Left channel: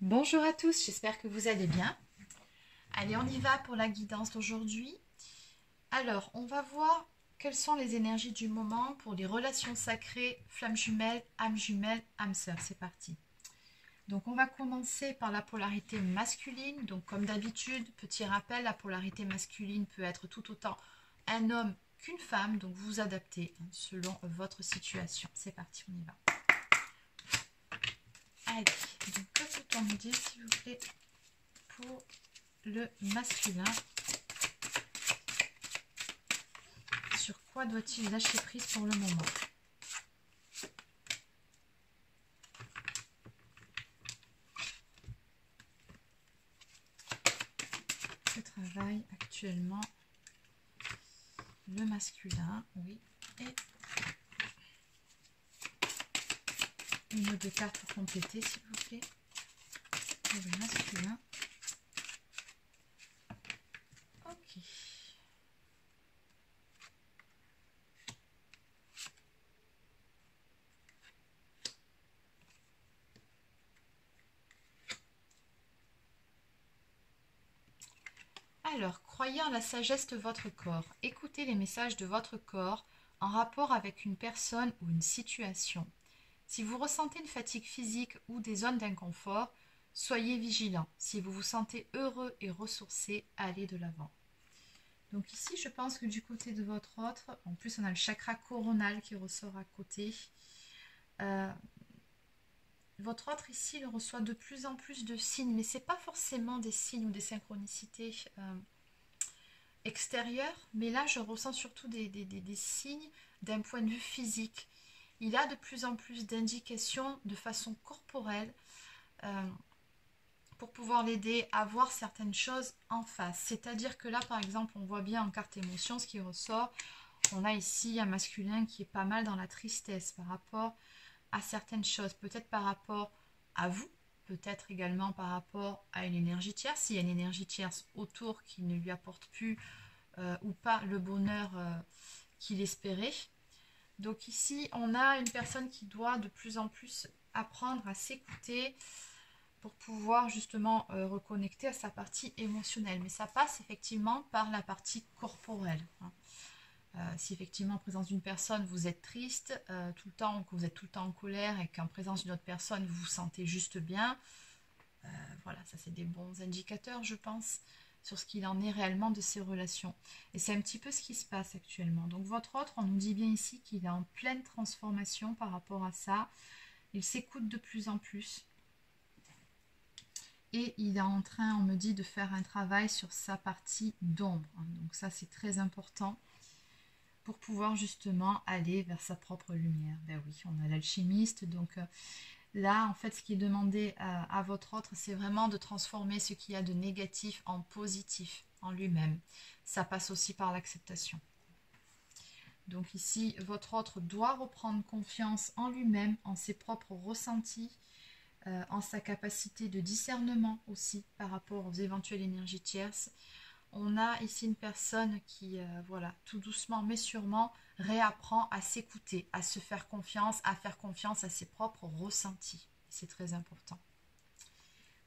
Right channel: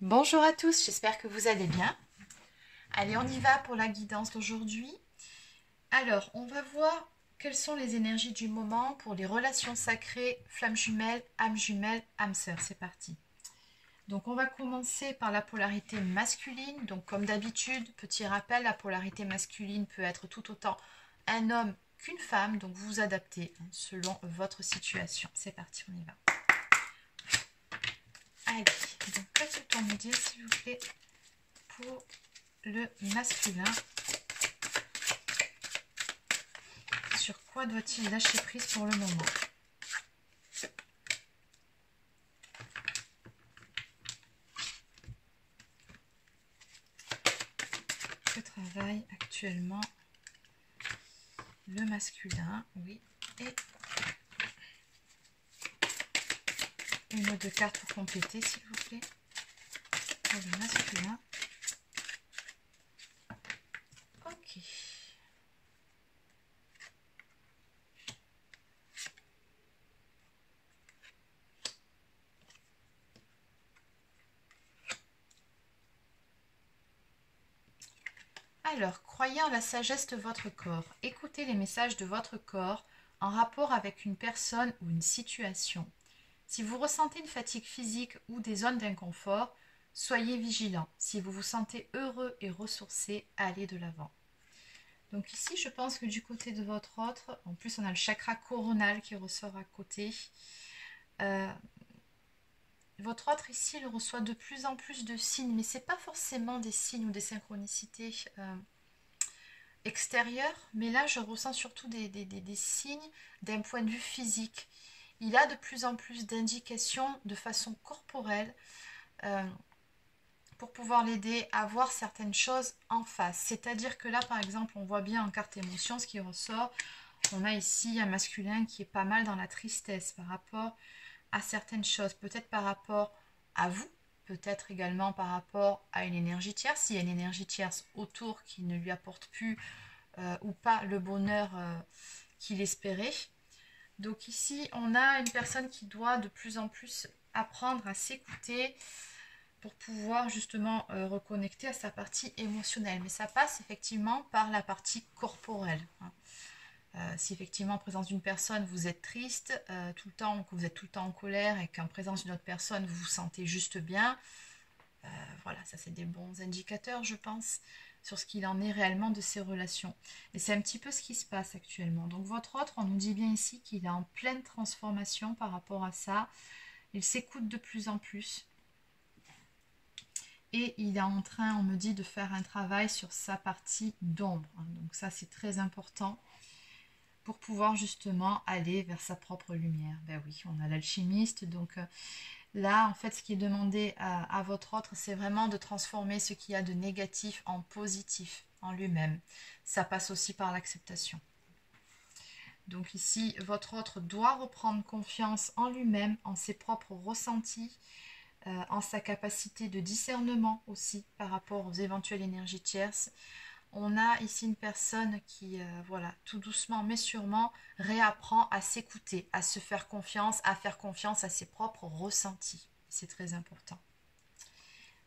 Bonjour à tous, j'espère que vous allez bien. Allez, on y va pour la guidance d'aujourd'hui. Alors, on va voir quelles sont les énergies du moment pour les relations sacrées, flammes jumelles, âme sœur. C'est parti. Donc, on va commencer par la polarité masculine. Donc, comme d'habitude, petit rappel, la polarité masculine peut être tout autant un homme qu'une femme. Donc, vous vous adaptez selon votre situation. C'est parti, on y va. Allez, donc qu'est-ce qu'on me dire, s'il vous plaît, pour le masculin? Sur quoi doit-il lâcher prise pour le moment? Que travaille actuellement le masculin? Oui, et une ou deux cartes pour compléter, s'il vous plaît, pour le masculin. Ok. Alors, croyez en la sagesse de votre corps. Écoutez les messages de votre corps en rapport avec une personne ou une situation. Si vous ressentez une fatigue physique ou des zones d'inconfort, soyez vigilant. Si vous vous sentez heureux et ressourcé, allez de l'avant. Donc ici, je pense que du côté de votre autre, en plus on a le chakra coronal qui ressort à côté. Votre autre ici, il reçoit de plus en plus de signes, mais ce n'est pas forcément des signes ou des synchronicités extérieures, mais là je ressens surtout des signes d'un point de vue physique. Il a de plus en plus d'indications de façon corporelle pour pouvoir l'aider à voir certaines choses en face. C'est-à-dire que là, par exemple, on voit bien en carte émotion ce qui ressort. On a ici un masculin qui est pas mal dans la tristesse par rapport à certaines choses. Peut-être par rapport à vous, peut-être également par rapport à une énergie tierce. S'il y a une énergie tierce autour qui ne lui apporte plus ou pas le bonheur qu'il espérait. Donc ici, on a une personne qui doit de plus en plus apprendre à s'écouter pour pouvoir justement reconnecter à sa partie émotionnelle. Mais ça passe effectivement par la partie corporelle. Si effectivement en présence d'une personne vous êtes triste tout le temps, que vous êtes tout le temps en colère et qu'en présence d'une autre personne vous vous sentez juste bien, voilà, ça c'est des bons indicateurs je pense sur ce qu'il en est réellement de ces relations. Et c'est un petit peu ce qui se passe actuellement. Donc votre autre, on nous dit bien ici qu'il est en pleine transformation par rapport à ça. Il s'écoute de plus en plus. Et il est en train, on me dit, de faire un travail sur sa partie d'ombre. Donc ça, c'est très important pour pouvoir justement aller vers sa propre lumière. Ben oui, on a l'alchimiste. Donc là, en fait, ce qui est demandé à votre autre, c'est vraiment de transformer ce qu'il y a de négatif en positif en lui-même. Ça passe aussi par l'acceptation. Donc ici, votre autre doit reprendre confiance en lui-même, en ses propres ressentis, en sa capacité de discernement aussi par rapport aux éventuelles énergies tierces. On a ici une personne qui, voilà, tout doucement mais sûrement, réapprend à s'écouter, à se faire confiance, à faire confiance à ses propres ressentis. C'est très important.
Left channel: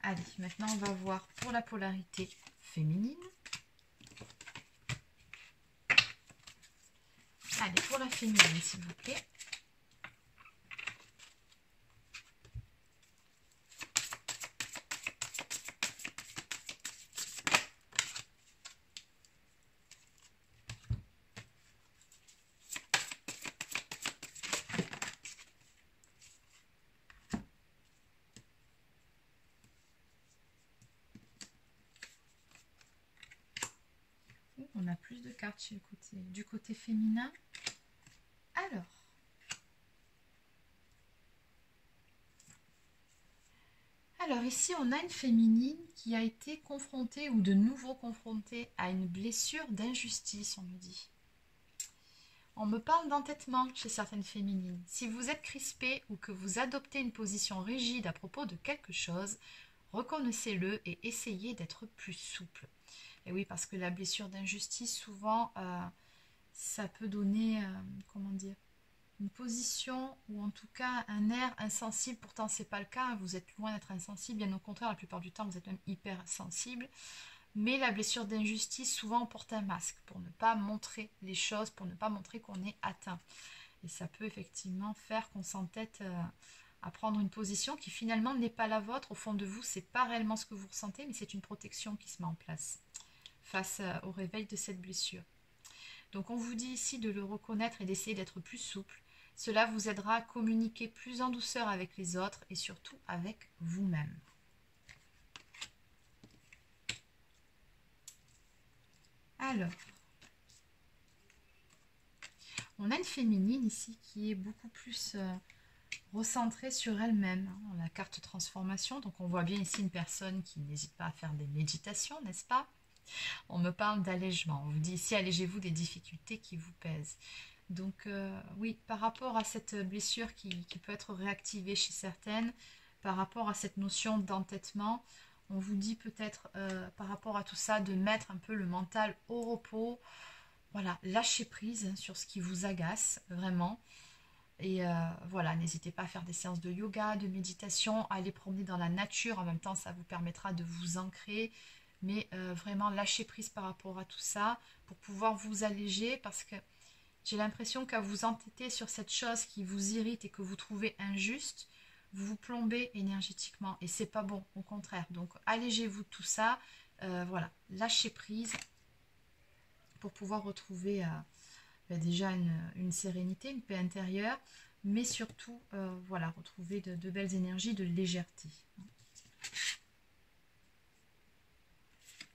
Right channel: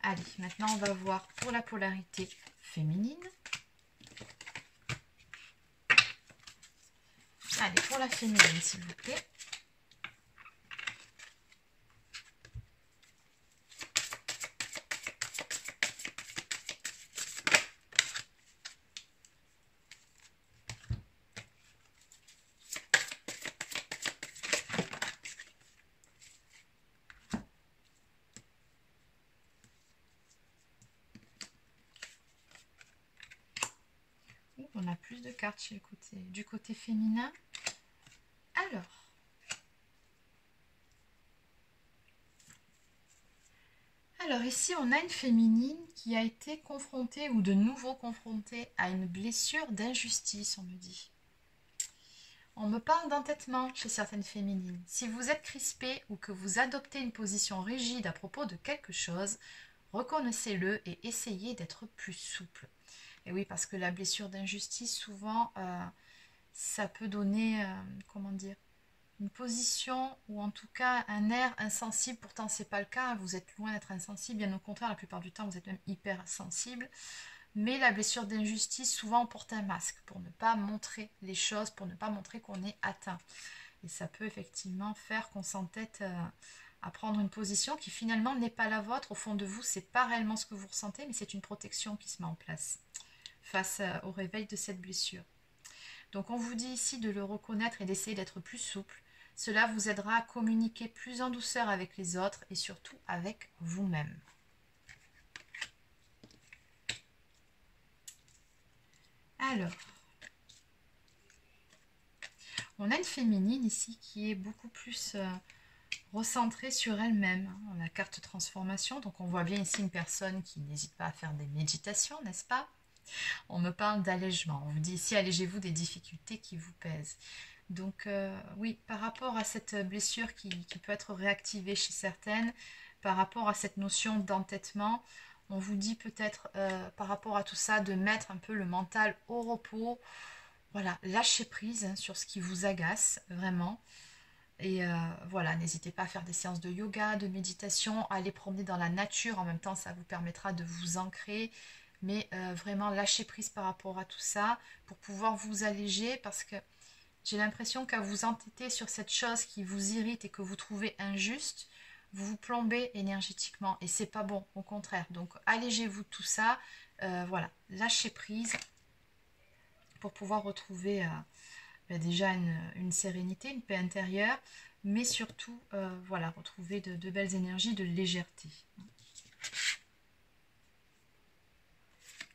Allez, maintenant on va voir pour la polarité féminine. Allez, pour la féminine, s'il vous plaît. On a plus de cartes chez du côté féminin. Alors ici, on a une féminine qui a été confrontée ou de nouveau confrontée à une blessure d'injustice, on me dit. On me parle d'entêtement chez certaines féminines. Si vous êtes crispé ou que vous adoptez une position rigide à propos de quelque chose, reconnaissez-le et essayez d'être plus souple. Et oui, parce que la blessure d'injustice, souvent, ça peut donner, comment dire, une position ou en tout cas un air insensible. Pourtant, c'est pas le cas. Vous êtes loin d'être insensible. Bien au contraire, la plupart du temps, vous êtes même hyper sensible. Mais la blessure d'injustice, souvent, on porte un masque pour ne pas montrer les choses, pour ne pas montrer qu'on est atteint. Et ça peut effectivement faire qu'on s'entête à prendre une position qui finalement n'est pas la vôtre. Au fond de vous, c'est pas réellement ce que vous ressentez, mais c'est une protection qui se met en place face au réveil de cette blessure. Donc on vous dit ici de le reconnaître et d'essayer d'être plus souple. Cela vous aidera à communiquer plus en douceur avec les autres et surtout avec vous-même. Alors, on a une féminine ici qui est beaucoup plus recentrée sur elle-même. On a la carte transformation, donc on voit bien ici une personne qui n'hésite pas à faire des méditations, n'est-ce pas? On me parle d'allègement. On vous dit ici, allégez-vous des difficultés qui vous pèsent. Donc oui, par rapport à cette blessure qui peut être réactivée chez certaines, par rapport à cette notion d'entêtement, on vous dit peut-être par rapport à tout ça de mettre un peu le mental au repos. Voilà, lâchez prise sur ce qui vous agace vraiment. Et voilà, n'hésitez pas à faire des séances de yoga, de méditation, à aller promener dans la nature. En même temps, ça vous permettra de vous ancrer. Mais vraiment, lâchez prise par rapport à tout ça pour pouvoir vous alléger parce que j'ai l'impression qu'à vous entêter sur cette chose qui vous irrite et que vous trouvez injuste, vous vous plombez énergétiquement et c'est pas bon, au contraire. Donc allégez-vous de tout ça, voilà, lâchez prise pour pouvoir retrouver déjà une sérénité, une paix intérieure, mais surtout voilà, retrouver de belles énergies, de légèreté.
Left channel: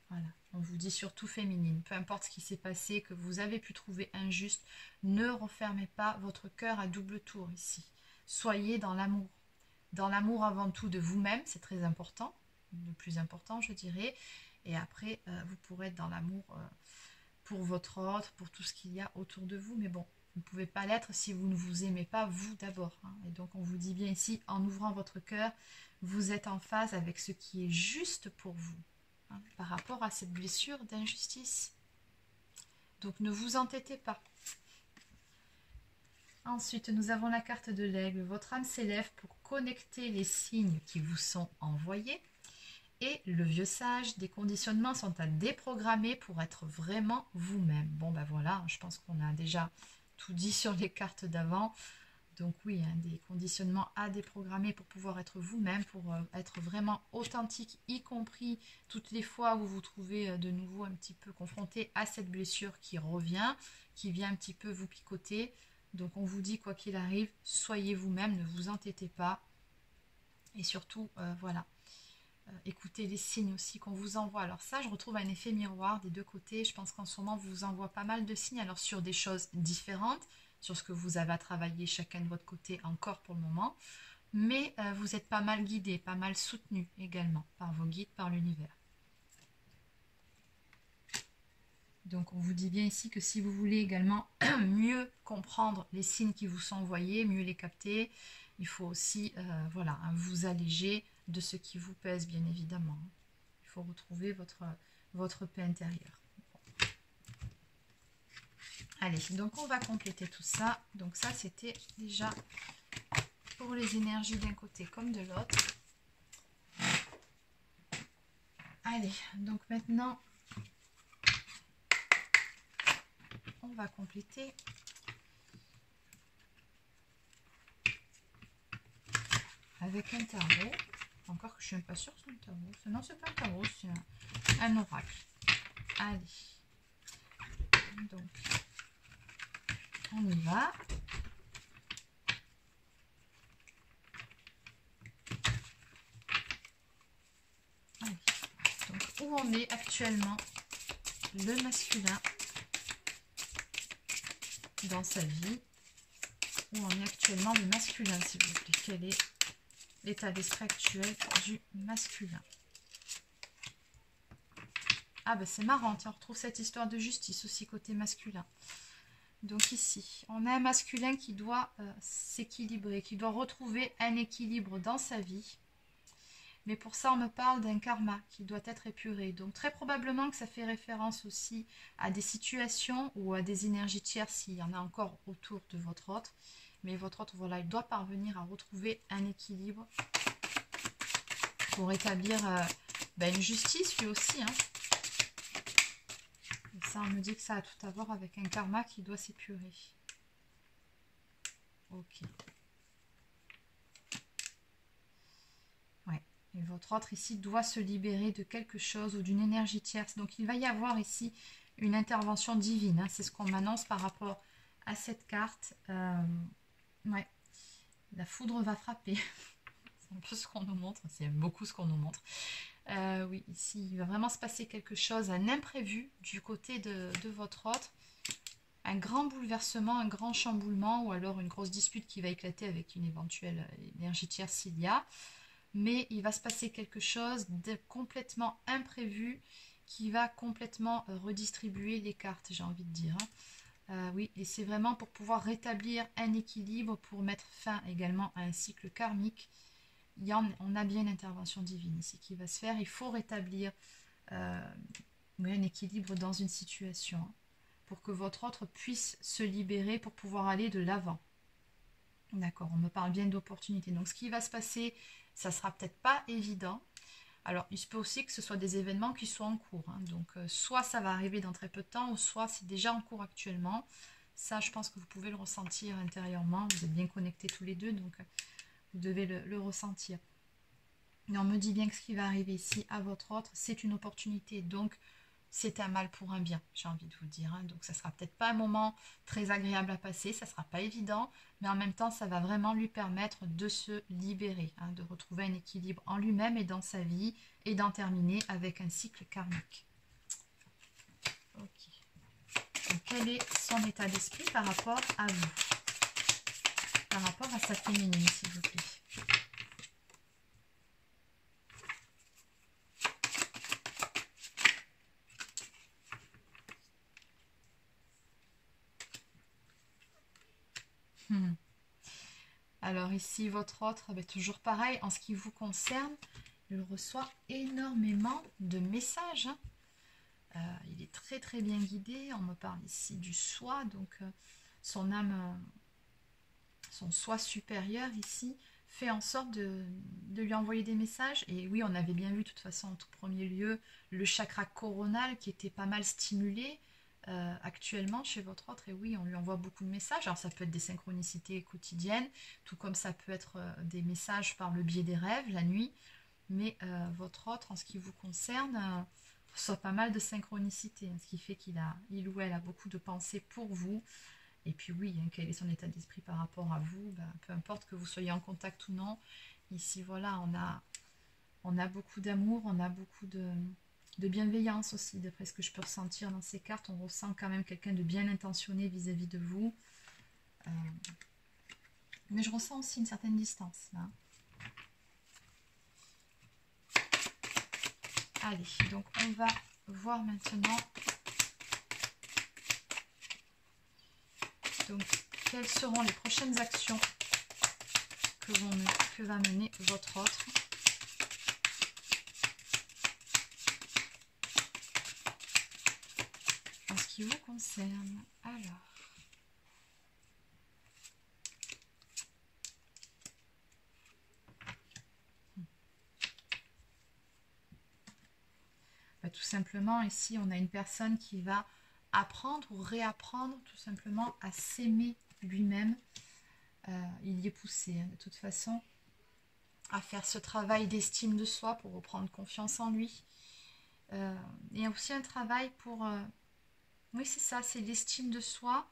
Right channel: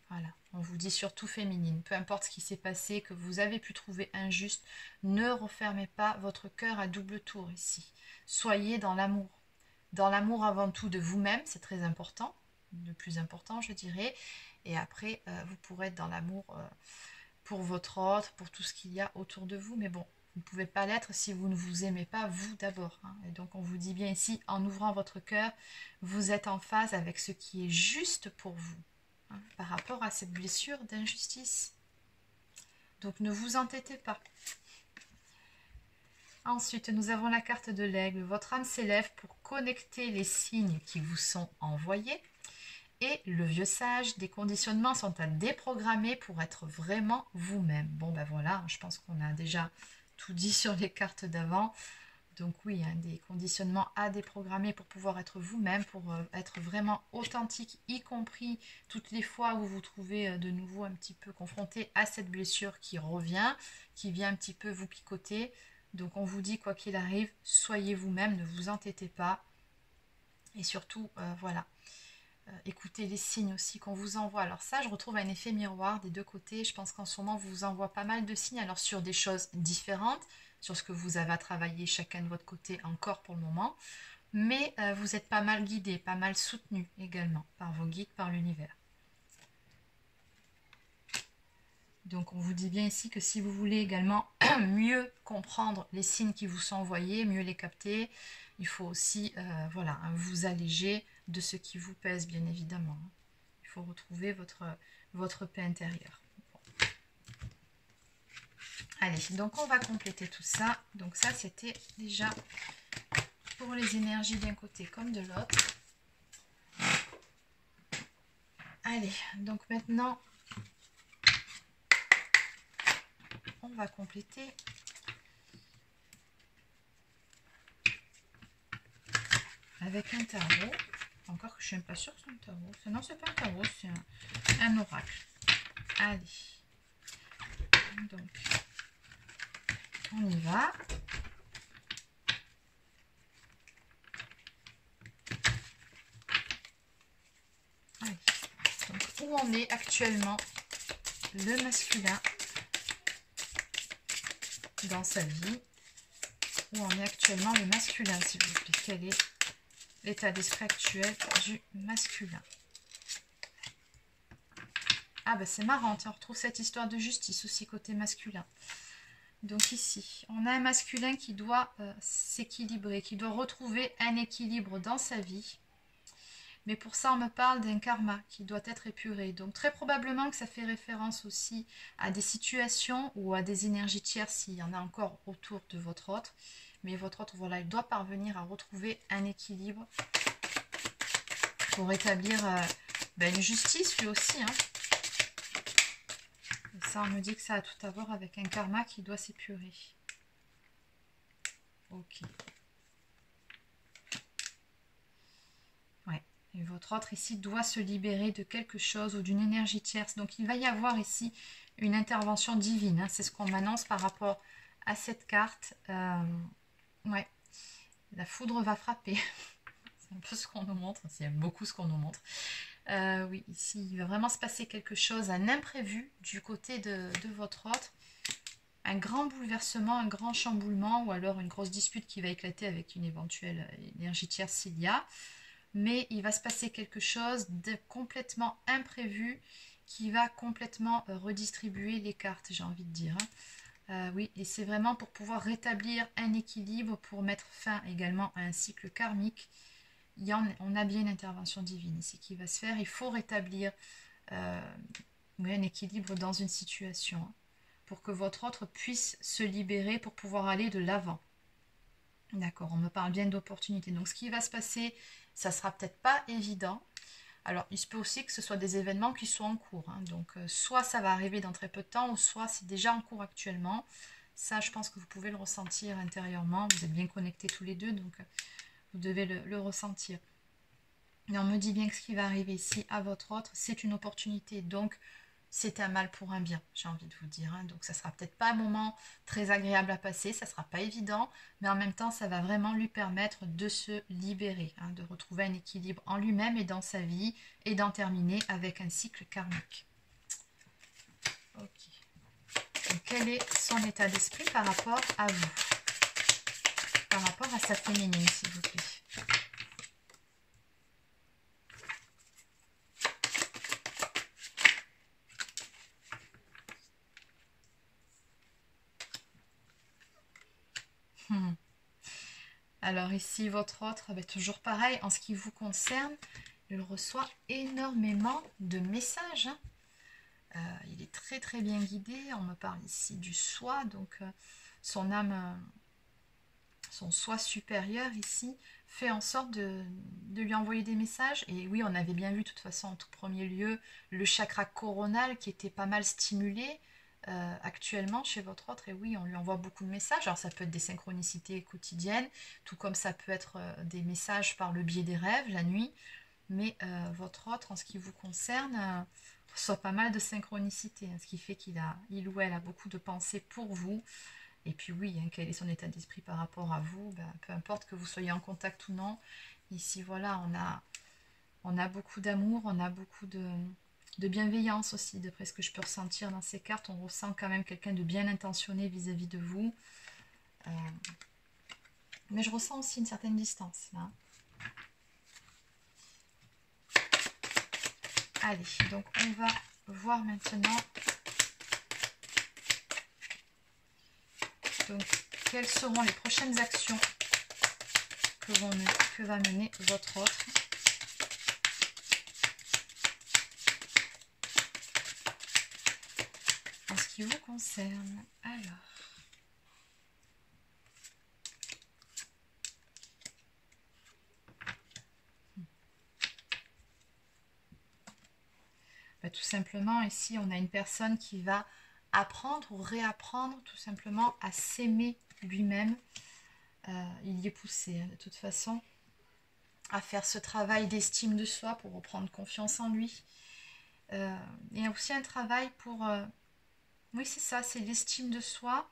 Voilà, on vous dit surtout féminine, peu importe ce qui s'est passé, que vous avez pu trouver injuste, ne refermez pas votre cœur à double tour ici. Soyez dans l'amour avant tout de vous-même, c'est très important, le plus important je dirais, et après vous pourrez être dans l'amour pour votre autre, pour tout ce qu'il y a autour de vous, mais bon, vous ne pouvez pas l'être si vous ne vous aimez pas vous d'abord. Hein. Et donc on vous dit bien ici, en ouvrant votre cœur, vous êtes en phase avec ce qui est juste pour vous. Par rapport à cette blessure d'injustice. Donc ne vous entêtez pas. Ensuite, nous avons la carte de l'aigle. Votre âme s'élève pour connecter les signes qui vous sont envoyés. Et le vieux sage, des conditionnements sont à déprogrammer pour être vraiment vous-même. Bon ben voilà, je pense qu'on a déjà tout dit sur les cartes d'avant. Donc oui, des conditionnements à déprogrammer pour pouvoir être vous-même, pour être vraiment authentique, y compris toutes les fois où vous vous trouvez de nouveau un petit peu confronté à cette blessure qui revient, qui vient un petit peu vous picoter. Donc on vous dit, quoi qu'il arrive, soyez vous-même, ne vous entêtez pas. Et surtout, voilà, écoutez les signes aussi qu'on vous envoie. Alors ça, je retrouve un effet miroir des deux côtés. Je pense qu'en ce moment, on vous envoie pas mal de signes, alors sur des choses différentes, sur ce que vous avez à travailler chacun de votre côté encore pour le moment, mais vous êtes pas mal guidé, pas mal soutenu également par vos guides, par l'univers. Donc on vous dit bien ici que si vous voulez également mieux comprendre les signes qui vous sont envoyés, mieux les capter, il faut aussi voilà, vous alléger de ce qui vous pèse bien évidemment. Il faut retrouver votre paix intérieure. Allez, donc on va compléter tout ça. Donc ça, c'était déjà pour les énergies d'un côté comme de l'autre. Allez, donc maintenant, on va compléter avec un tarot. Encore que je ne suis même pas sûre que c'est un tarot. Non, c'est pas un tarot, c'est un oracle. Allez. Donc, on y va. Allez. Donc, où on est actuellement le masculin dans sa vie? Où en est actuellement le masculin, s'il vous plaît? Quel est l'état d'esprit actuel du masculin? Ah ben c'est marrant, on retrouve cette histoire de justice aussi côté masculin. Donc ici, on a un masculin qui doit s'équilibrer, qui doit retrouver un équilibre dans sa vie. Mais pour ça, on me parle d'un karma qui doit être épuré. Donc très probablement que ça fait référence aussi à des situations ou à des énergies tierces, s'il y en a encore autour de votre autre. mais votre autre, voilà, il doit parvenir à retrouver un équilibre pour établir une justice lui aussi. Hein. Et ça, on me dit que ça a tout à voir avec un karma qui doit s'épurer. Ok. Ouais. Et votre autre ici doit se libérer de quelque chose ou d'une énergie tierce. Donc, il va y avoir ici une intervention divine. Hein. C'est ce qu'on m'annonce par rapport à cette carte. Ouais. La foudre va frapper. C'est un peu ce qu'on nous montre. C'est beaucoup ce qu'on nous montre. Oui, ici, il va vraiment se passer quelque chose, un imprévu du côté de votre autre. Un grand bouleversement, un grand chamboulement ou alors une grosse dispute qui va éclater avec une éventuelle énergie tierce s'il y a. Mais il va se passer quelque chose de complètement imprévu qui va complètement redistribuer les cartes, j'ai envie de dire. Oui, et c'est vraiment pour pouvoir rétablir un équilibre, pour mettre fin également à un cycle karmique. On a bien une intervention divine ici qui va se faire. Il faut rétablir un équilibre dans une situation pour que votre autre puisse se libérer pour pouvoir aller de l'avant. D'accord, on me parle bien d'opportunités. Donc ce qui va se passer, ça sera peut-être pas évident. Alors il se peut aussi que ce soit des événements qui soient en cours. Hein. Donc soit ça va arriver dans très peu de temps, ou soit c'est déjà en cours actuellement. Ça, je pense que vous pouvez le ressentir intérieurement. Vous êtes bien connectés tous les deux, donc vous devez le ressentir. Et on me dit bien que ce qui va arriver ici à votre autre, c'est une opportunité. Donc, c'est un mal pour un bien, j'ai envie de vous dire. Hein. Donc, ça ne sera peut-être pas un moment très agréable à passer, ça ne sera pas évident, mais en même temps, ça va vraiment lui permettre de se libérer, hein, de retrouver un équilibre en lui-même et dans sa vie, et d'en terminer avec un cycle karmique. Ok. Donc, quel est son état d'esprit par rapport à vous? Par rapport à sa féminine, s'il vous plaît. Alors ici, votre autre, toujours pareil, en ce qui vous concerne, il reçoit énormément de messages. Hein. Il est très très bien guidé. On me parle ici du soi, donc son âme, son soi supérieur ici, fait en sorte de lui envoyer des messages. Et oui, on avait bien vu de toute façon en tout premier lieu le chakra coronal qui était pas mal stimulé actuellement chez votre autre. Et oui, on lui envoie beaucoup de messages. Alors ça peut être des synchronicités quotidiennes, tout comme ça peut être des messages par le biais des rêves la nuit. Mais votre autre, en ce qui vous concerne, reçoit pas mal de synchronicité, hein, ce qui fait il ou elle a beaucoup de pensées pour vous. Et puis oui, hein, quel est son état d'esprit par rapport à vous, peu importe que vous soyez en contact ou non. Ici, voilà, on a beaucoup d'amour, on a beaucoup de bienveillance aussi, d'après ce que je peux ressentir dans ces cartes. On ressent quand même quelqu'un de bien intentionné vis-à-vis de vous. Mais je ressens aussi une certaine distance, là. Allez, donc on va voir maintenant donc, quelles seront les prochaines actions que va mener votre autre. En ce qui vous concerne. Alors. Tout simplement, ici, on a une personne qui va apprendre ou réapprendre tout simplement à s'aimer lui-même. Il y est poussé, hein, de toute façon, à faire ce travail d'estime de soi pour reprendre confiance en lui. Et aussi un travail pour... oui, c'est ça, c'est l'estime de soi.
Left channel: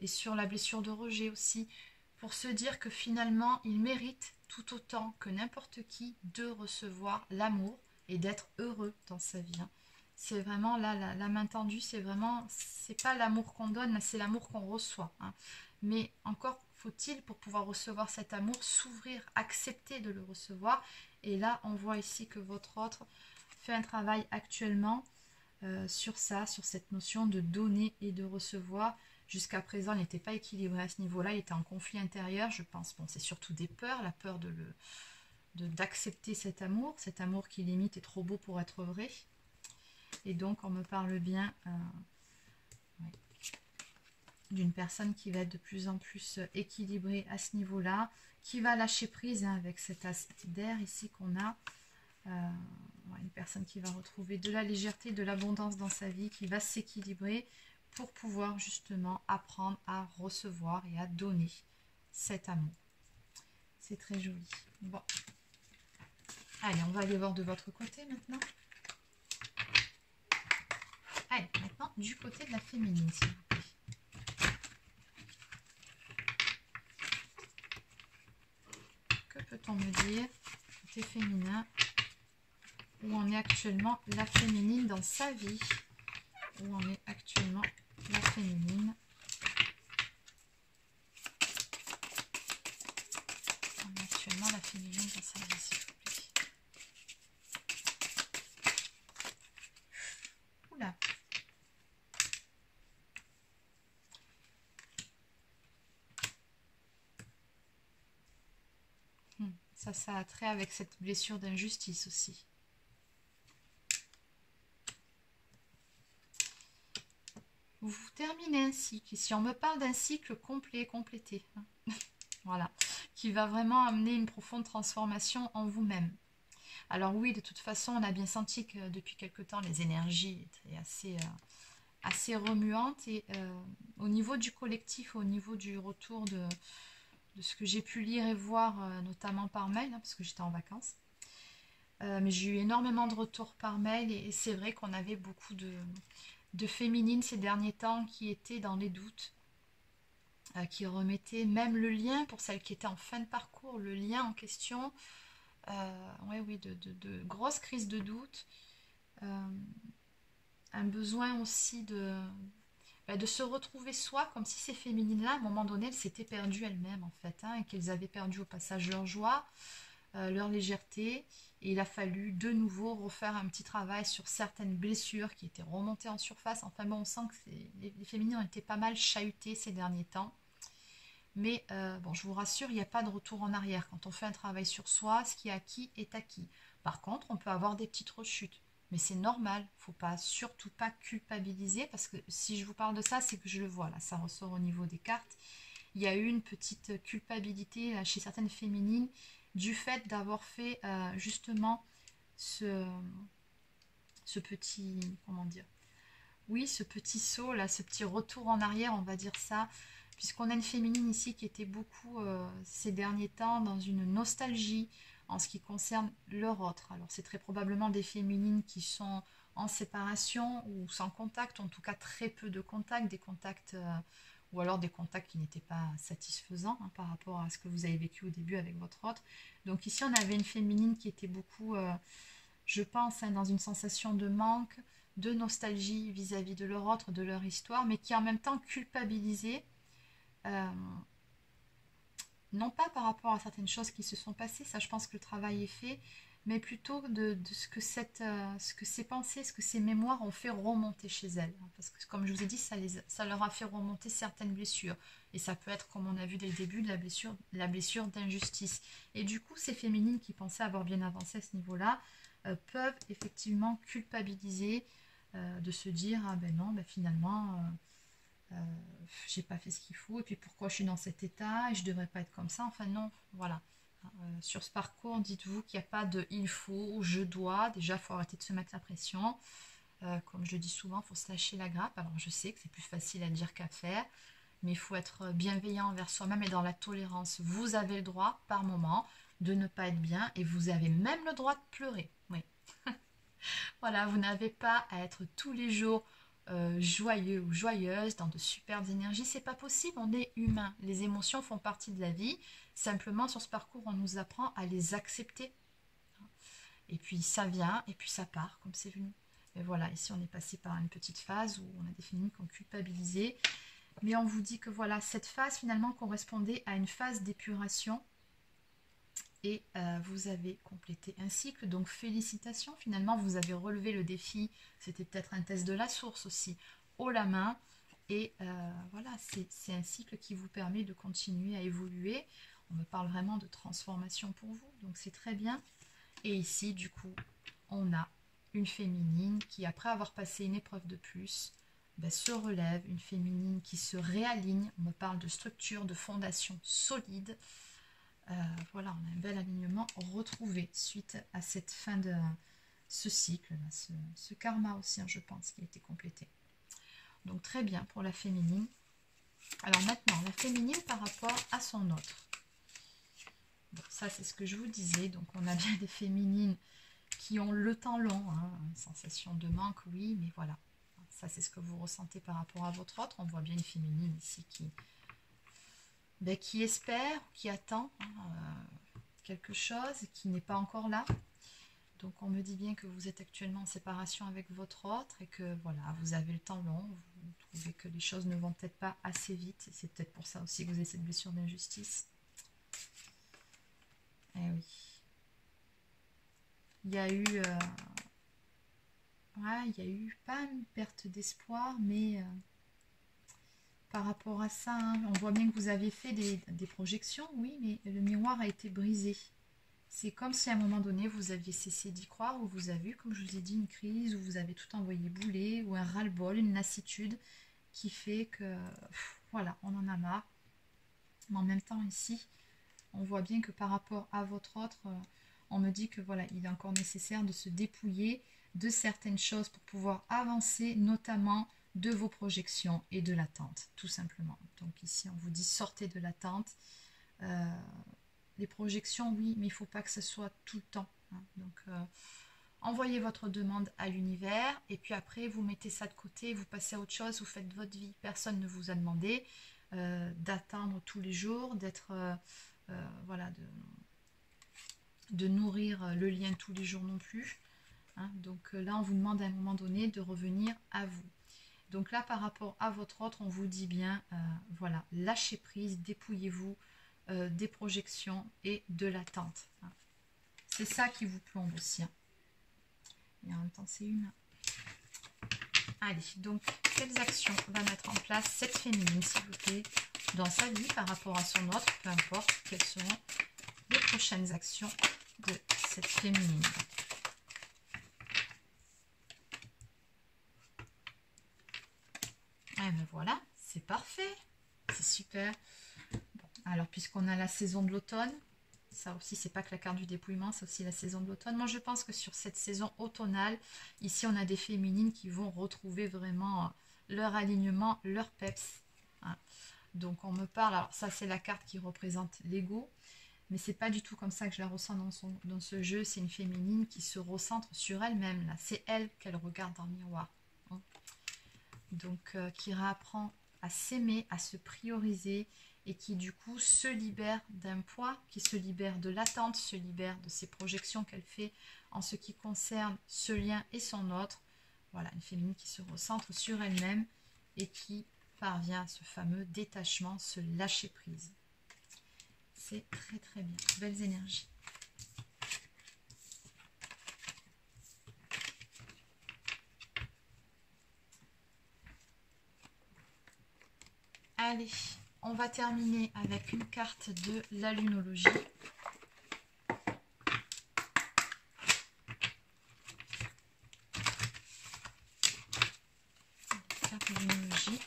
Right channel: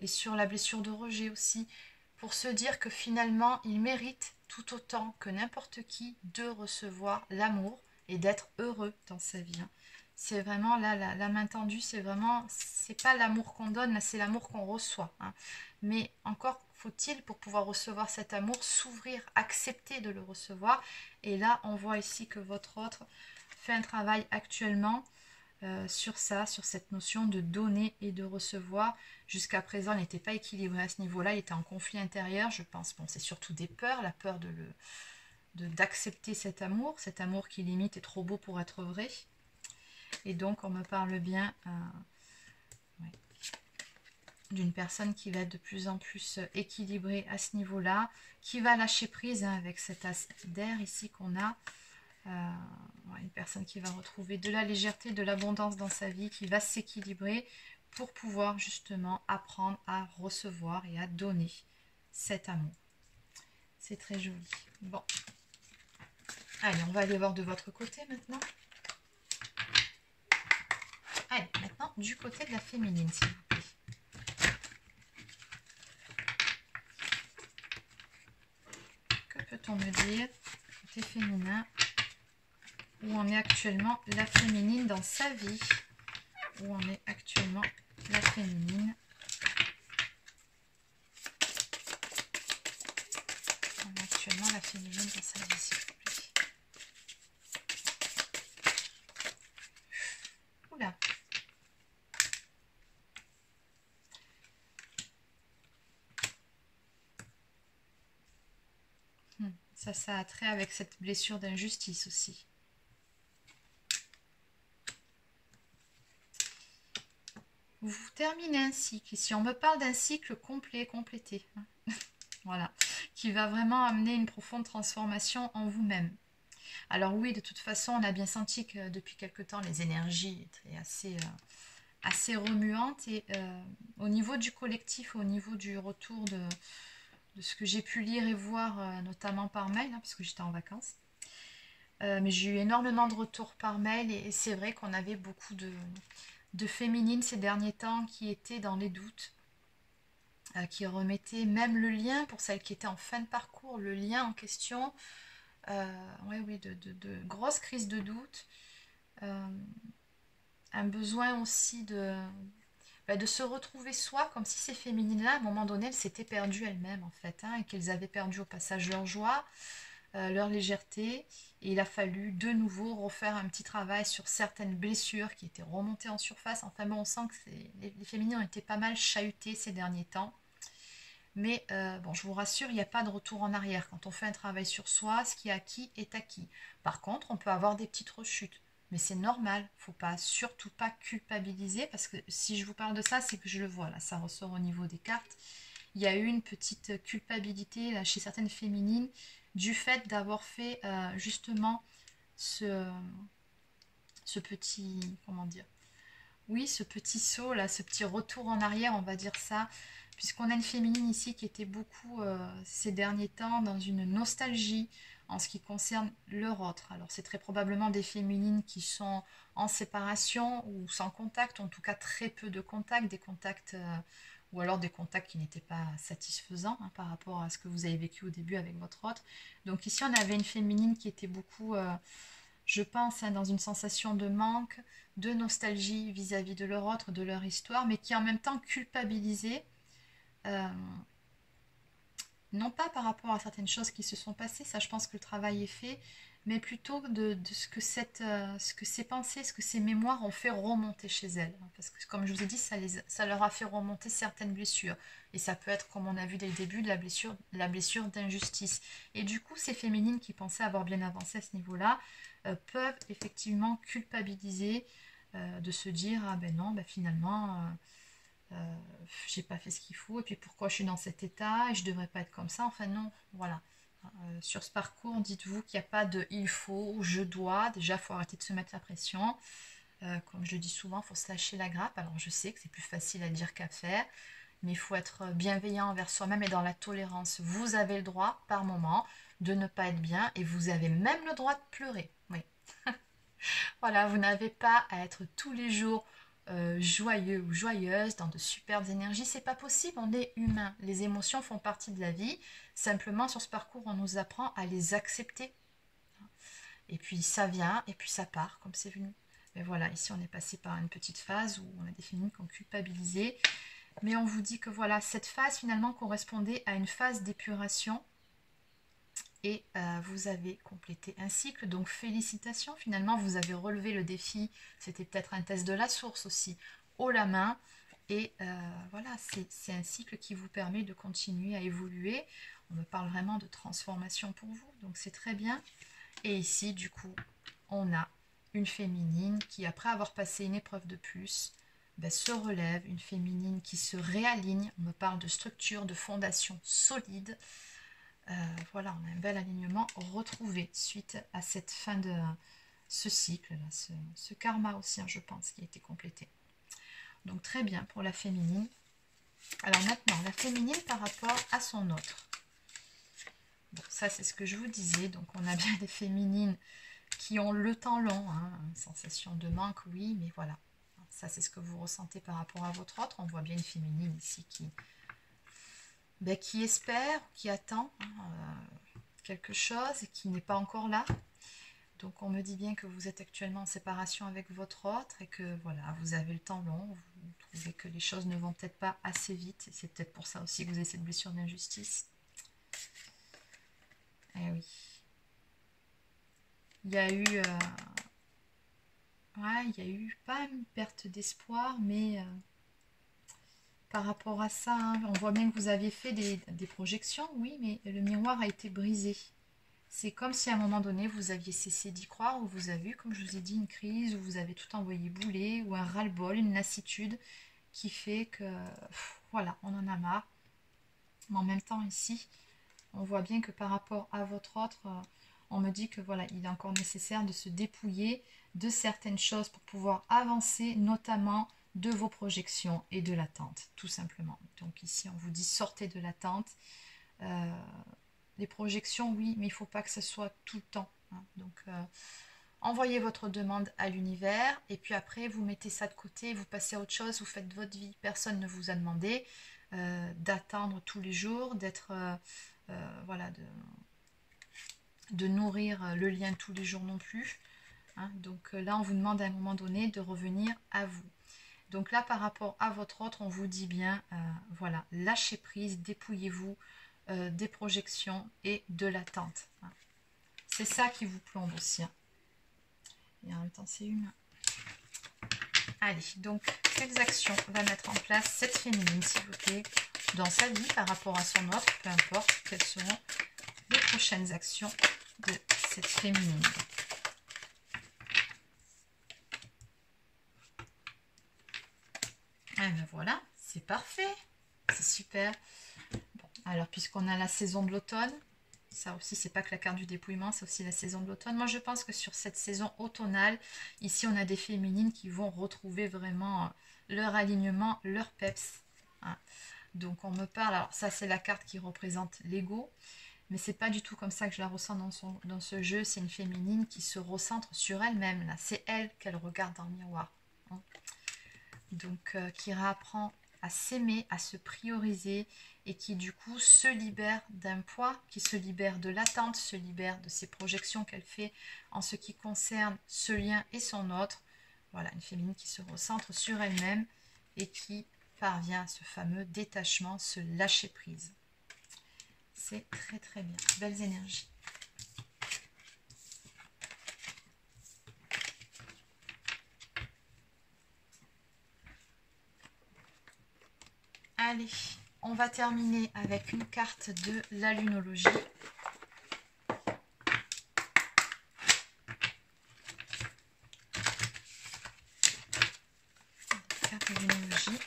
Et sur la blessure de rejet aussi, pour se dire que finalement, il mérite tout autant que n'importe qui de recevoir l'amour et d'être heureux dans sa vie. Hein. C'est vraiment là, la main tendue, c'est vraiment, c'est pas l'amour qu'on donne, c'est l'amour qu'on reçoit. Hein. Mais encore faut-il, pour pouvoir recevoir cet amour, s'ouvrir, accepter de le recevoir. Et là, on voit ici que votre autre fait un travail actuellement sur ça, sur cette notion de donner et de recevoir. Jusqu'à présent, il n'était pas équilibré à ce niveau-là, il était en conflit intérieur, je pense. Bon, c'est surtout des peurs, la peur d'accepter cet amour qui limite est trop beau pour être vrai. Et donc, on me parle bien... ouais. d'une personne qui va être de plus en plus équilibrée à ce niveau-là, qui va lâcher prise hein, avec cet as d'air ici qu'on a. Une personne qui va retrouver de la légèreté, de l'abondance dans sa vie, qui va s'équilibrer pour pouvoir justement apprendre à recevoir et à donner cet amour. C'est très joli. Bon. Allez, on va aller voir de votre côté maintenant. Allez, maintenant du côté de la féminine, s'il vous plaît. Que peut-on me dire côté féminin? Où en est actuellement la féminine dans sa vie? Où en est actuellement la féminine? Où en est actuellement la féminine dans sa vie, s'il vous plaît? Oula! Ça a trait avec cette blessure d'injustice aussi. Vous terminez un cycle. Ici, on me parle d'un cycle complet, complété. Voilà. Qui va vraiment amener une profonde transformation en vous-même. Alors oui, de toute façon, on a bien senti que depuis quelque temps, les énergies étaient assez remuantes. Et au niveau du collectif, au niveau du retour de ce que j'ai pu lire et voir, notamment par mail, hein, parce que j'étais en vacances. Mais j'ai eu énormément de retours par mail et c'est vrai qu'on avait beaucoup de féminines ces derniers temps qui étaient dans les doutes, qui remettaient même le lien, pour celles qui étaient en fin de parcours, le lien en question, oui, de grosses crises de doute, un besoin aussi de se retrouver soi, comme si ces féminines-là, à un moment donné, elles s'étaient perdues elles-mêmes, en fait, hein, et qu'elles avaient perdu au passage leur joie, leur légèreté, et il a fallu de nouveau refaire un petit travail sur certaines blessures qui étaient remontées en surface. Enfin bon, on sent que les féminines ont été pas mal chahutées ces derniers temps. Mais bon, je vous rassure, il n'y a pas de retour en arrière. Quand on fait un travail sur soi, ce qui est acquis est acquis. Par contre, on peut avoir des petites rechutes. Mais c'est normal, il ne faut pas, surtout pas culpabiliser, parce que si je vous parle de ça, c'est que je le vois, là, ça ressort au niveau des cartes. Il y a eu une petite culpabilité là, chez certaines féminines, du fait d'avoir fait justement ce petit, comment dire, oui, ce petit saut là, ce petit retour en arrière, on va dire ça, puisqu'on a une féminine ici qui était beaucoup ces derniers temps dans une nostalgie en ce qui concerne leur autre. Alors c'est très probablement des féminines qui sont en séparation ou sans contact, en tout cas très peu de contacts, des contacts ou alors des contacts qui n'étaient pas satisfaisants hein, par rapport à ce que vous avez vécu au début avec votre autre. Donc ici on avait une féminine qui était beaucoup, je pense, hein, dans une sensation de manque, de nostalgie vis-à-vis de leur autre, de leur histoire, mais qui en même temps culpabilisait, non pas par rapport à certaines choses qui se sont passées, ça je pense que le travail est fait, mais plutôt de ce que ces pensées, ce que ces mémoires ont fait remonter chez elles. Parce que comme je vous ai dit, ça leur a fait remonter certaines blessures. Et ça peut être, comme on a vu dès le début, de la blessure d'injustice. Et du coup, ces féminines qui pensaient avoir bien avancé à ce niveau-là, peuvent effectivement culpabiliser, de se dire, ah ben non, ben finalement, j'ai pas fait ce qu'il faut, et puis pourquoi je suis dans cet état, et je devrais pas être comme ça, enfin non, voilà. Sur ce parcours, dites-vous qu'il n'y a pas de il faut, je dois. Déjà, il faut arrêter de se mettre la pression. Comme je le dis souvent, il faut se lâcher la grappe. Alors, je sais que c'est plus facile à dire qu'à faire, mais il faut être bienveillant envers soi-même et dans la tolérance. Vous avez le droit, par moment, de ne pas être bien et vous avez même le droit de pleurer. Oui. Voilà, vous n'avez pas à être tous les jours joyeux ou joyeuse, dans de superbes énergies. C'est pas possible, on est humain. Les émotions font partie de la vie. Simplement, sur ce parcours, on nous apprend à les accepter. Et puis ça vient, et puis ça part, comme c'est venu. Mais voilà, ici on est passé par une petite phase où on a des féminines qui ont culpabilisé. Mais on vous dit que voilà, cette phase finalement correspondait à une phase d'épuration. Et vous avez complété un cycle, donc félicitations, finalement vous avez relevé le défi, c'était peut-être un test de la source aussi, haut la main, et voilà, c'est un cycle qui vous permet de continuer à évoluer. On me parle vraiment de transformation pour vous, donc c'est très bien. Et ici, du coup, on a une féminine qui, après avoir passé une épreuve de plus, ben, se relève, une féminine qui se réaligne. On me parle de structure, de fondation solide. Voilà, on a un bel alignement retrouvé suite à cette fin de ce cycle, là, ce karma aussi, hein, je pense, qui a été complété. Donc très bien pour la féminine. Alors maintenant, la féminine par rapport à son autre. Bon, ça c'est ce que je vous disais. Donc on a bien des féminines qui ont le temps long, hein, une sensation de manque, oui, mais voilà. Ça c'est ce que vous ressentez par rapport à votre autre. On voit bien une féminine ici qui espère, qui attend quelque chose et qui n'est pas encore là. Donc on me dit bien que vous êtes actuellement en séparation avec votre autre et que voilà, vous avez le temps long, vous trouvez que les choses ne vont peut-être pas assez vite. Et c'est peut-être pour ça aussi que vous avez cette blessure d'injustice. Eh oui. Il y a eu... ouais, il y a eu pas une perte d'espoir, mais par rapport à ça, hein, on voit bien que vous aviez fait des projections, oui, mais le miroir a été brisé. C'est comme si à un moment donné, vous aviez cessé d'y croire, ou vous avez eu, comme je vous ai dit, une crise, où vous avez tout envoyé bouler, ou un ras-le-bol, une lassitude qui fait que, voilà, on en a marre. Mais en même temps, ici, on voit bien que par rapport à votre autre, on me dit que voilà, il est encore nécessaire de se dépouiller de certaines choses pour pouvoir avancer, notamment de vos projections et de l'attente, tout simplement. Donc ici, on vous dit sortez de l'attente. Les projections, oui, mais il ne faut pas que ce soit tout le temps. Hein. Donc, envoyez votre demande à l'univers et puis après, vous mettez ça de côté, vous passez à autre chose, vous faites votre vie. Personne ne vous a demandé d'attendre tous les jours, d'être, voilà, de nourrir le lien tous les jours non plus. Hein. Donc là, on vous demande à un moment donné de revenir à vous. Donc là, par rapport à votre autre, on vous dit bien, voilà, lâchez prise, dépouillez-vous des projections et de l'attente. Hein. C'est ça qui vous plombe aussi. Hein. Et en même temps, c'est humain. Allez, donc, quelles actions va mettre en place cette féminine, s'il vous plaît, dans sa vie par rapport à son autre, peu importe, quelles seront les prochaines actions de cette féminine. Et ben voilà, c'est parfait, c'est super. Bon, alors, puisqu'on a la saison de l'automne, ça aussi, c'est pas que la carte du dépouillement, c'est aussi la saison de l'automne. Moi, je pense que sur cette saison automnale, ici, on a des féminines qui vont retrouver vraiment leur alignement, leur peps. Hein. Donc, on me parle, alors ça, c'est la carte qui représente l'ego, mais c'est pas du tout comme ça que je la ressens dans ce jeu. C'est une féminine qui se recentre sur elle-même, là. C'est elle qu'elle regarde dans le miroir. Hein. Donc, qui réapprend à s'aimer, à se prioriser et qui du coup se libère d'un poids, qui se libère de l'attente, se libère de ces projections qu'elle fait en ce qui concerne ce lien et son autre. Voilà, une féminine qui se recentre sur elle-même et qui parvient à ce fameux détachement, ce lâcher prise. C'est très très bien, belles énergies. Allez, on va terminer avec une carte de la lunologie. Carte de lunologie.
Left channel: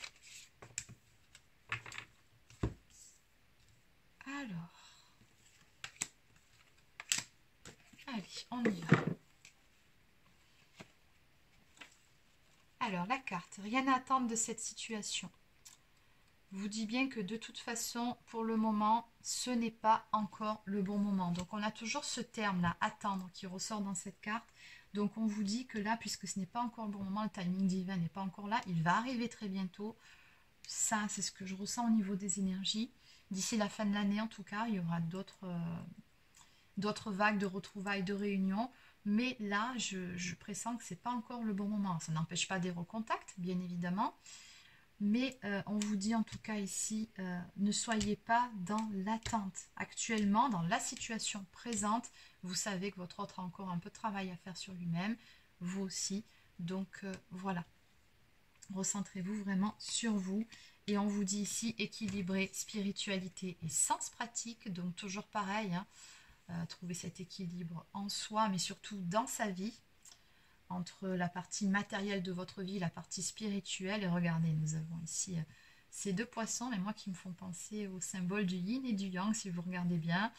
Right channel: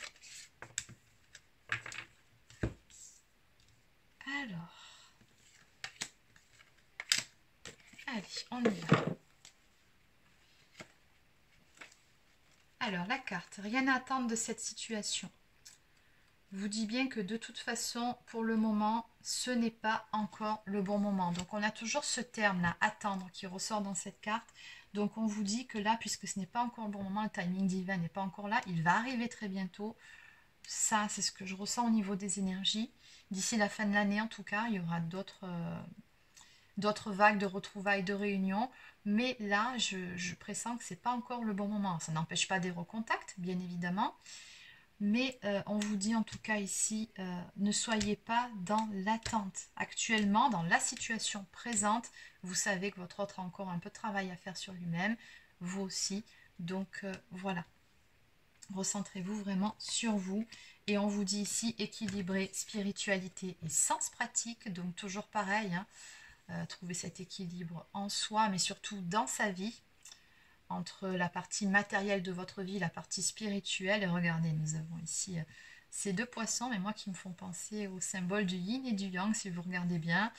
Alors, allez, on y va. Alors, la carte, rien à attendre de cette situation. Vous dit bien que de toute façon, pour le moment, ce n'est pas encore le bon moment. Donc, on a toujours ce terme-là, attendre, qui ressort dans cette carte. Donc, on vous dit que là, puisque ce n'est pas encore le bon moment, le timing divin n'est pas encore là, il va arriver très bientôt. Ça, c'est ce que je ressens au niveau des énergies. D'ici la fin de l'année, en tout cas, il y aura d'autres vagues de retrouvailles, de réunions. Mais là, je pressens que ce n'est pas encore le bon moment. Ça n'empêche pas des recontacts, bien évidemment. Mais on vous dit en tout cas ici, ne soyez pas dans l'attente. Actuellement, dans la situation présente, vous savez que votre autre a encore un peu de travail à faire sur lui-même, vous aussi. Donc voilà, recentrez-vous vraiment sur vous. Et on vous dit ici, équilibrer spiritualité et sens pratique. Donc toujours pareil, hein, trouver cet équilibre en soi, mais surtout dans sa vie. entre la partie matérielle de votre vie, la partie spirituelle. Et regardez, nous avons ici ces deux poissons, mais moi qui me font penser au symbole du yin et du yang, si vous regardez bien,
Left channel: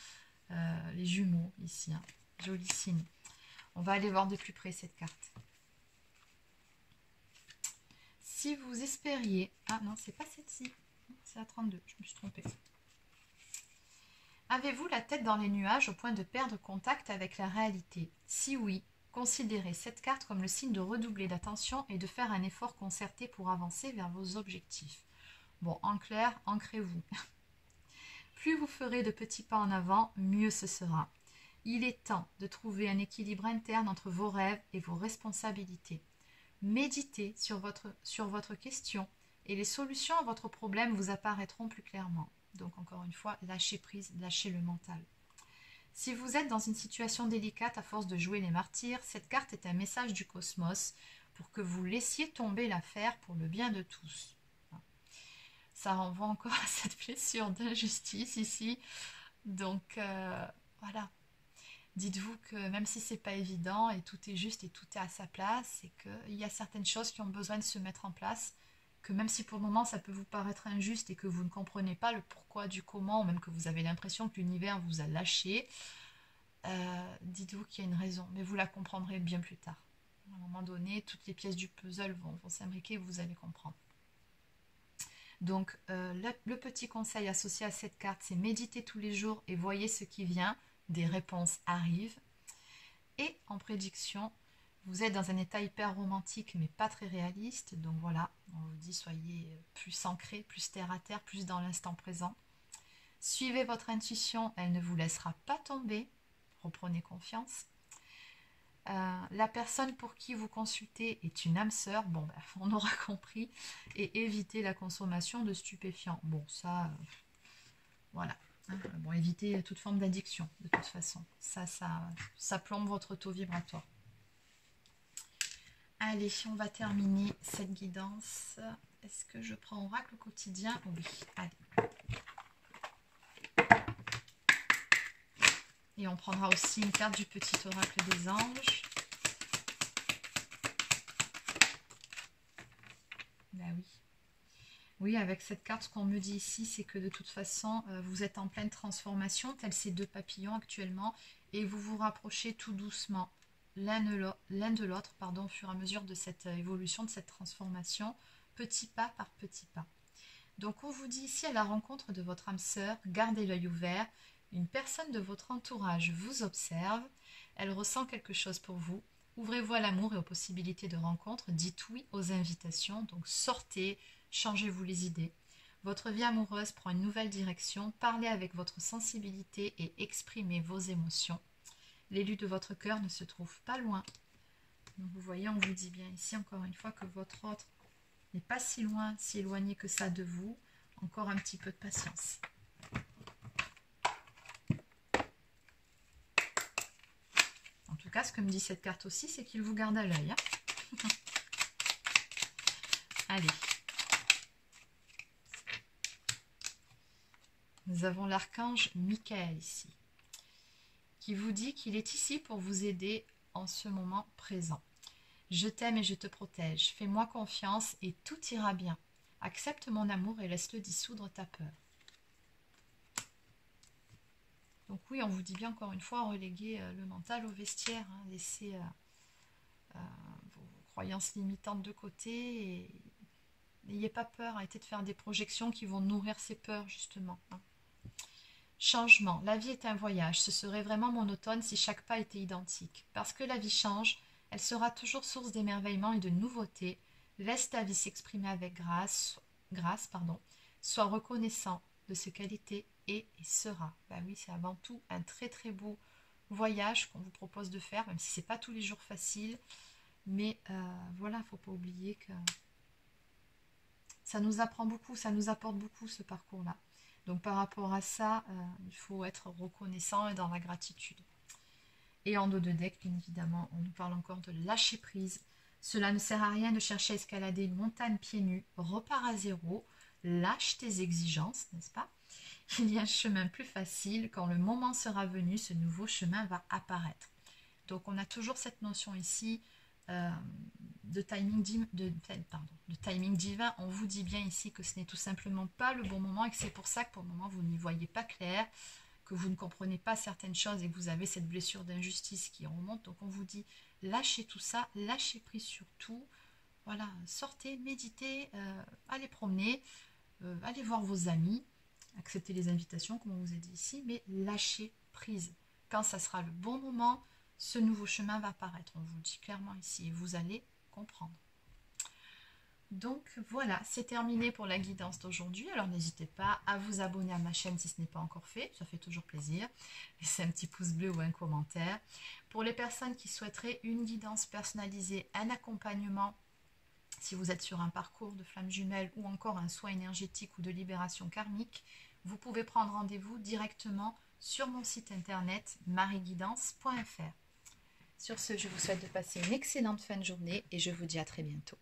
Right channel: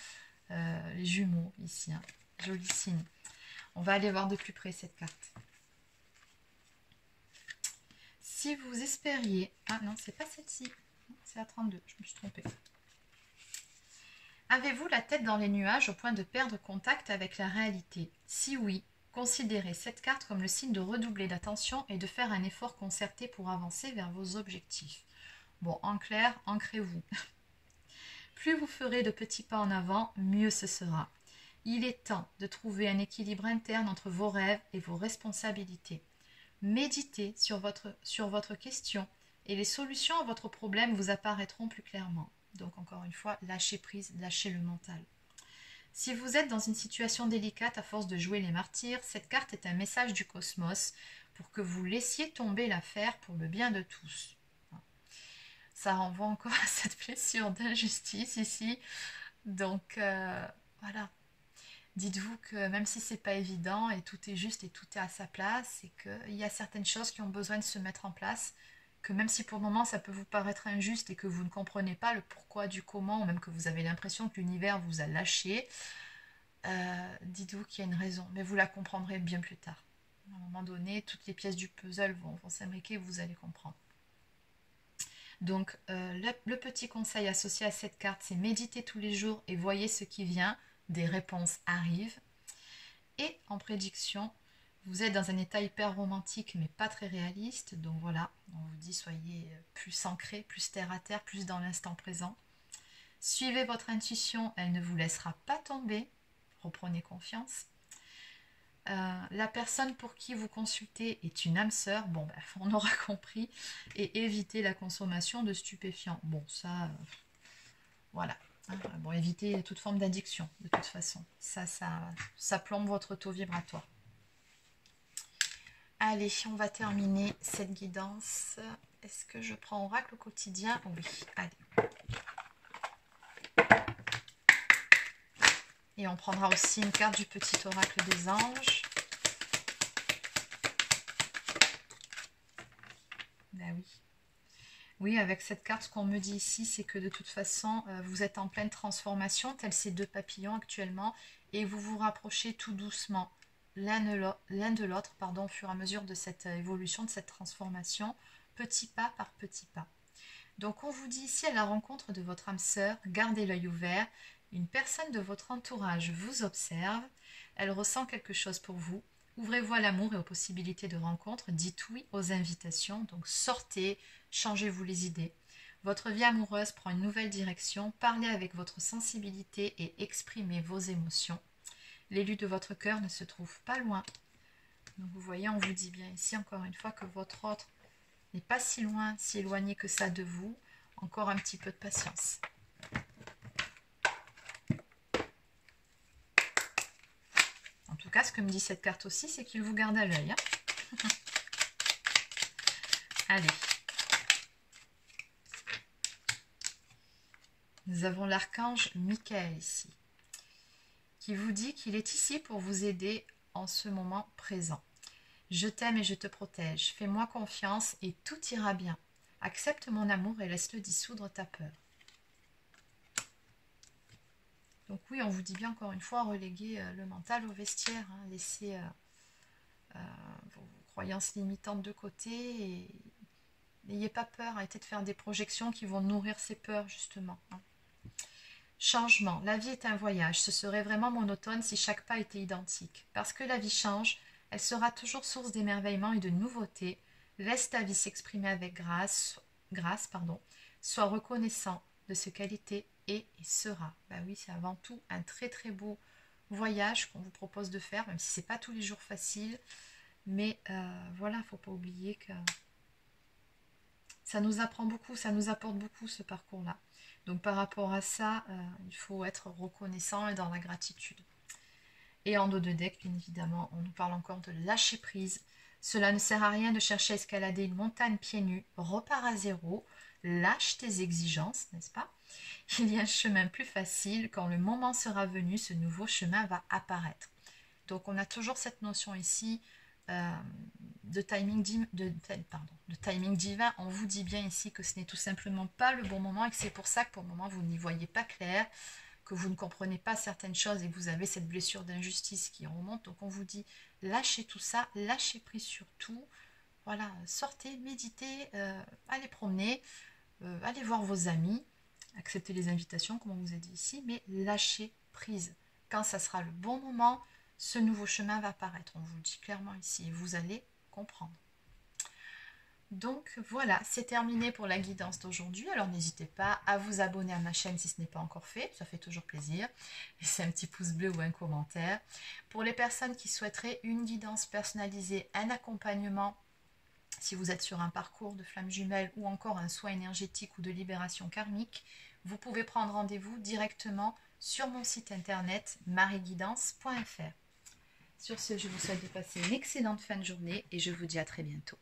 les jumeaux ici, hein. Joli signe. On va aller voir de plus près cette carte. Si vous espériez... Ah non, c'est pas celle-ci, c'est la 32, je me suis trompée. Avez-vous la tête dans les nuages au point de perdre contact avec la réalité? Si oui, considérez cette carte comme le signe de redoubler d'attention et de faire un effort concerté pour avancer vers vos objectifs. Bon, en clair, ancrez-vous. Plus vous ferez de petits pas en avant, mieux ce sera. Il est temps de trouver un équilibre interne entre vos rêves et vos responsabilités. Méditez sur votre question et les solutions à votre problème vous apparaîtront plus clairement. Donc encore une fois, lâchez prise, lâchez le mental. Si vous êtes dans une situation délicate à force de jouer les martyrs, cette carte est un message du cosmos pour que vous laissiez tomber l'affaire pour le bien de tous. Ça renvoie encore à cette blessure d'injustice ici. Donc voilà. Dites-vous que même si c'est pas évident et tout est juste et tout est à sa place, et qu'il y a certaines choses qui ont besoin de se mettre en place, que même si pour le moment ça peut vous paraître injuste et que vous ne comprenez pas le pourquoi du comment, ou même que vous avez l'impression que l'univers vous a lâché, dites-vous qu'il y a une raison, mais vous la comprendrez bien plus tard. À un moment donné, toutes les pièces du puzzle vont s'imbriquer et vous allez comprendre. Donc, le petit conseil associé à cette carte, c'est méditez tous les jours et voyez ce qui vient. Des réponses arrivent. Et en prédiction, vous êtes dans un état hyper romantique, mais pas très réaliste. Donc voilà, on vous dit soyez plus ancré, plus terre à terre, plus dans l'instant présent. Suivez votre intuition, elle ne vous laissera pas tomber. Reprenez confiance. La personne pour qui vous consultez est une âme sœur, bon, ben, on aura compris, et évitez la consommation de stupéfiants. Bon, ça, voilà. Hein, bon, évitez toute forme d'addiction, de toute façon. Ça plombe votre taux vibratoire. Allez, on va terminer cette guidance. Est-ce que je prends oracle au quotidien? Oui, allez. Et on prendra aussi une carte du petit oracle des anges. Ben oui. Oui, avec cette carte, ce qu'on me dit ici, c'est que de toute façon, vous êtes en pleine transformation, tels ces deux papillons actuellement, et vous vous rapprochez tout doucement l'un de l'autre, au fur et à mesure de cette évolution, de cette transformation, petit pas par petit pas. Donc on vous dit ici, à la rencontre de votre âme sœur, gardez l'œil ouvert. Une personne de votre entourage vous observe, elle ressent quelque chose pour vous. Ouvrez-vous à l'amour et aux possibilités de rencontre, dites oui aux invitations, donc sortez, changez-vous les idées. Votre vie amoureuse prend une nouvelle direction, parlez avec votre sensibilité et exprimez vos émotions. L'élu de votre cœur ne se trouve pas loin. Donc vous voyez, on vous dit bien ici encore une fois que votre autre n'est pas si loin, si éloigné que ça de vous. Encore un petit peu de patience. En tout cas, ce que me dit cette carte aussi, c'est qu'il vous garde à l'œil. Hein. Allez. Nous avons l'archange Michael ici, qui vous dit qu'il est ici pour vous aider en ce moment présent. Je t'aime et je te protège. Fais-moi confiance et tout ira bien. Accepte mon amour et laisse-le dissoudre ta peur. Donc oui, on vous dit bien encore une fois, reléguer le mental au vestiaire, hein, laissez vos croyances limitantes de côté et n'ayez pas peur, arrêtez de faire des projections qui vont nourrir ces peurs justement. Hein. Changement, la vie est un voyage, ce serait vraiment monotone si chaque pas était identique. Parce que la vie change, elle sera toujours source d'émerveillement et de nouveautés. Laisse ta vie s'exprimer avec grâce, sois reconnaissant de ce qu'elle était et sera. Ben oui, c'est avant tout un très très beau voyage qu'on vous propose de faire, même si c'est pas tous les jours facile. Mais voilà, il ne faut pas oublier que ça nous apprend beaucoup, ça nous apporte beaucoup ce parcours-là. Donc par rapport à ça, il faut être reconnaissant et dans la gratitude. Et en dos de deck, bien évidemment, on nous parle encore de lâcher prise. Cela ne sert à rien de chercher à escalader une montagne pieds nus, repars à zéro, lâche tes exigences, n'est-ce pas? Il y a un chemin plus facile, quand le moment sera venu, ce nouveau chemin va apparaître. Donc on a toujours cette notion ici de timing divin, on vous dit bien ici que ce n'est tout simplement pas le bon moment et que c'est pour ça que pour le moment vous n'y voyez pas clair, que vous ne comprenez pas certaines choses et que vous avez cette blessure d'injustice qui remonte. Donc on vous dit lâchez tout ça, lâchez prise sur tout. Voilà, sortez, méditez, allez promener, allez voir vos amis, acceptez les invitations comme on vous a dit ici, mais lâchez prise. Quand ça sera le bon moment, ce nouveau chemin va apparaître. On vous le dit clairement ici et vous allez comprendre. Donc voilà, c'est terminé pour la guidance d'aujourd'hui. Alors n'hésitez pas à vous abonner à ma chaîne si ce n'est pas encore fait, ça fait toujours plaisir. Laissez un petit pouce bleu ou un commentaire. Pour les personnes qui souhaiteraient une guidance personnalisée, un accompagnement, si vous êtes sur un parcours de flamme jumelle ou encore un soin énergétique ou de libération karmique, vous pouvez prendre rendez-vous directement sur mon site internet marieguidance.fr. Sur ce, je vous souhaite de passer une excellente fin de journée et je vous dis à très bientôt.